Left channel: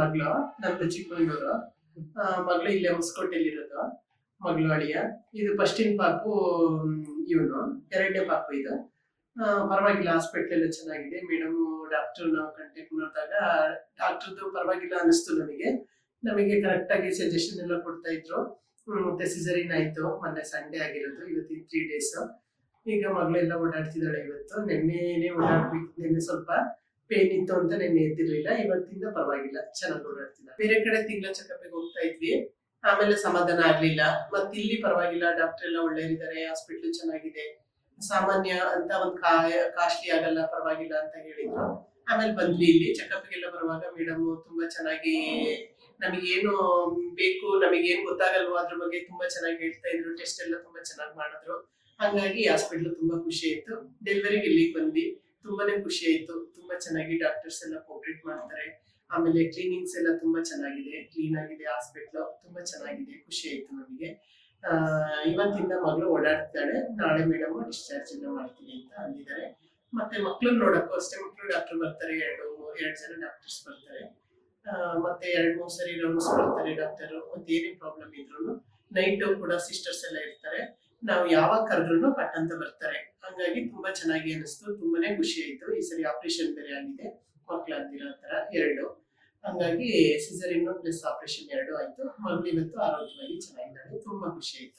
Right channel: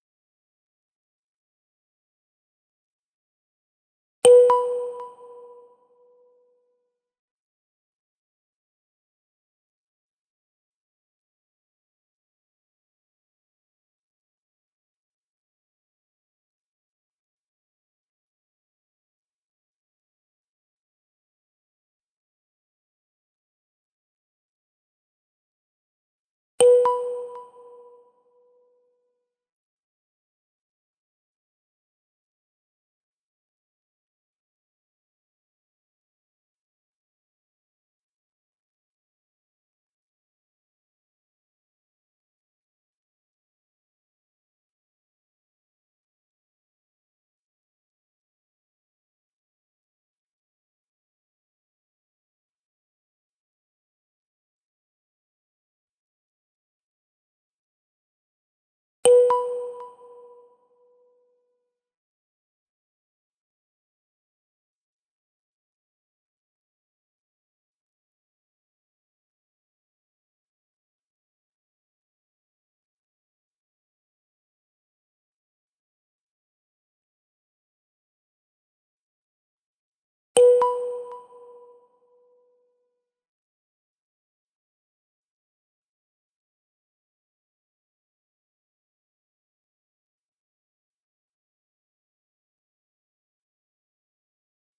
ಮಗಳು, ನಂದು ಚಿಕ್ಕಮಂಗ್ಳೂರು. ಮಗಳು ಇಲ್ಲೇ ಹೊಸಕೋಟೆಯಲ್ಲಿ ಇರೋದು. ಮಗಳು ಅಳಿಯ. ಇದು ಫಸ್ಟಿನ ಪಾಪು ಇವನು, ಎರಡನೇ ಪಾಪು ಇದು. ಪರವಾಗಿಲ್ಲ, ಹಾಸ್ಪಿಟ್ಲ್ ಎಲ್ಲ ಚೆನ್ನಾಗಿದೆ. ಮೇಡಮ್ ಡಾಕ್ಟರ್ ನಾವು ಕಾಂಟ್ಯಾಕ್ಟ್ ಮಾಡಿದಾಗ ಡಾಕ್ಟರ್ದು ಪರವಾಗಿಲ್ಲ ಅನಿಸ್ತು ನಮಗೆ ಕರೆಕ್ಟ್ ಆಗಿ ಸಜೆಷನ್ ಎಲ್ಲ ಕೊಡ್ತಾ ಇದ್ರು. ಮತ್ತೆ ಸಿಸರಿನ್ ಆಯ್ತು, ಮೊನ್ನೆ ಸಂಡೇ ಆಗಿರೋದು, ಇವತ್ತಿನ 3 days. ಈಗ ಮಗಳೆಲ್ಲ ಓಡಾಡ್ತಿದ್ದಾಳೆ. ಇವತ್ತು ನೆನ್ನೆನೇ ಓಡಾಡ್ಬೇಕು. ನೆನ್ನೆ ಸ್ವಲ್ಪ ಪೇನ್ ಇತ್ತು ಅಂತ ನೆನ್ನೆ ಎದ್ದಿರ್ಲಿಲ್ಲ. ಇವತ್ತಿಂದ ಪರವಾಗಿಲ್ಲ, ಚೆನ್ನಾಗಿ ಓಡಾಡ್ತಿಲ್ಲ. ಬೇರೆ ಕಡೆ ತಿಂಗಳ ಚೆಕಪ್ಗೆ ಹೋಗ್ತಾ ಇದ್ವಿ, ಆಮೇಲೆ ಸಮಾಧಾನ ಆಗ್ಲಿಲ್ಲ. ಮತ್ತೆ ಇಲ್ಲಿ ಪರವಾಗಿಲ್ಲ, ಡಾಕ್ಟರ್ ಎಲ್ಲ ಒಳ್ಳೆಯರಿದ್ದಾರೆ, ಹಾಸ್ಪಿಟ್ಲ್ ಚೆನ್ನಾಗಿದೆ, ಸಾಮಾನ್ಯ ಅಂತ ಒಂದು ಕಾಸ್ಟ್ಲಿ ಆಗಲ್ಲ, ಪರವಾಗಿಲ್ಲ ಅಂತ ಹೇಳಿದ್ರು. ಆಮೇಲೆ ಬಂದ್ವಿ ಇಲ್ಲಿ ಚೆಕಪ್ಗೆಲ್ಲ ಬರುವಾಗ ಮೇಡಮ್ ತುಂಬಾ ಚೆನ್ನಾಗಿ ನಮಗೇನು ಬೇಕು, ನಮಗೇನು ಗೊತ್ತಾಗಲ್ವೋ ಅದ್ರ ಬಗ್ಗೆ ತುಂಬಾ ಚೆನ್ನಾಗಿ ಹೇಳ್ತಾ ಇದ್ರು. ಟೆಸ್ಟ್ ಎಲ್ಲ ತುಂಬಾ ಚೆನ್ನಾಗಿ ಮಾಡಿದ್ರು. ಹಂಗಾಗಿ ಹಾಸ್ಪಿಟ್ಲ್ ತುಂಬಾ ಖುಷಿ ಆಯ್ತು. ಡೆಲಿವರಿಗೆ ಇಲ್ಲಿಗೆ ಬಂದ್ವಿ, ತುಂಬಾನೇ ಖುಷಿ ಆಯ್ತು. ತುಂಬಾ ಚೆನ್ನಾಗಿ ಡಾಕ್ಟರ್ಸ್ ಎಲ್ಲ ಕೋಆಪರೇಟ್ ಮಾಡ್ತಾರೆ. ಆಮೇಲೆ ಕ್ಲೀನಿಂಗ್ಸ್ ಎಲ್ಲ ತುಂಬಾ ಚೆನ್ನಾಗಿದೆ, ಕ್ಲೀನ್ ಆಗಿದೆ ಹಾಸ್ಪಿಟ್ಲ್, ತುಂಬಾ ಚೆನ್ನಾಗಿದೆ. ಖುಷಿ ಆಯ್ತು ನಮಗೆ. ಇವತ್ತಿಂದ ಮಗಳು ಓಡಾಡ್ತಿದ್ದಾಳೆ. ನಾಳೆ ಮೇಡಮ್ ಡಿಸ್ಚಾರ್ಜ್ ಎಲ್ಲ ಮಾಡ್ತೀನಿ ಅಂತ ಅಂದಿದ್ದಾರೆ. ಮತ್ತೆ ಮಕ್ಳನ್ನ ನೋಡಕ್ಕೂ ಅಷ್ಟೇ, ಮಕ್ಕಳು ಡಾಕ್ಟರ್ ಬರ್ತಾರೆ, ಎರಡು ಜನ ಡಾಕ್ಟರ್ಸ್ ಬರ್ತಾರೆ. ಮತ್ತೆ 2-3 ಸರಿ ರೌಂಡ್ಸ್ ಬರ್ತಾರೆ ಡಾಕ್ಟರ್. ಮತ್ತೆ ಏನೇ ಪ್ರಾಬ್ಲಮ್ ಇದ್ರು ನೈಟ್ ಕೂಡ ಸಿಸ್ಟರ್ಸ್ ಎಲ್ಲ ಇರ್ತಾರೆ. ನಾವು ಯಾವಾಗ ಕರೆದ್ರು ಪಟ್ ಅಂತ ಬರ್ತಾರೆ. ಹಂಗಾಗಿ ತುಂಬಾ ಚೆನ್ನಾಗಿ ಅನಿಸ್ತು, ತುಂಬಾನೇ ಖುಷಿ ಆಯ್ತು. ಈ ಸರಿ ಆಪರೇಷನ್ ಬೇರೆ ಆಗಿದೆ, ಮಕ್ಕಳಾಗ್ದಿರೋ ತರ 2. ಹಂಗಾಗಿ ಸಿಸರಿನ್ ಪ್ಲಸ್ ಆಪರೇಷನ್ 2 ಆಯ್ತು. ಮಗಳು ಇವತ್ತು ಆರೋಗ್ಯವಾಗಿ ಚೆನ್ನಾಗಿದ್ದಾಳೆ, ತುಂಬಾ ಖುಷಿ ಆಯ್ತು.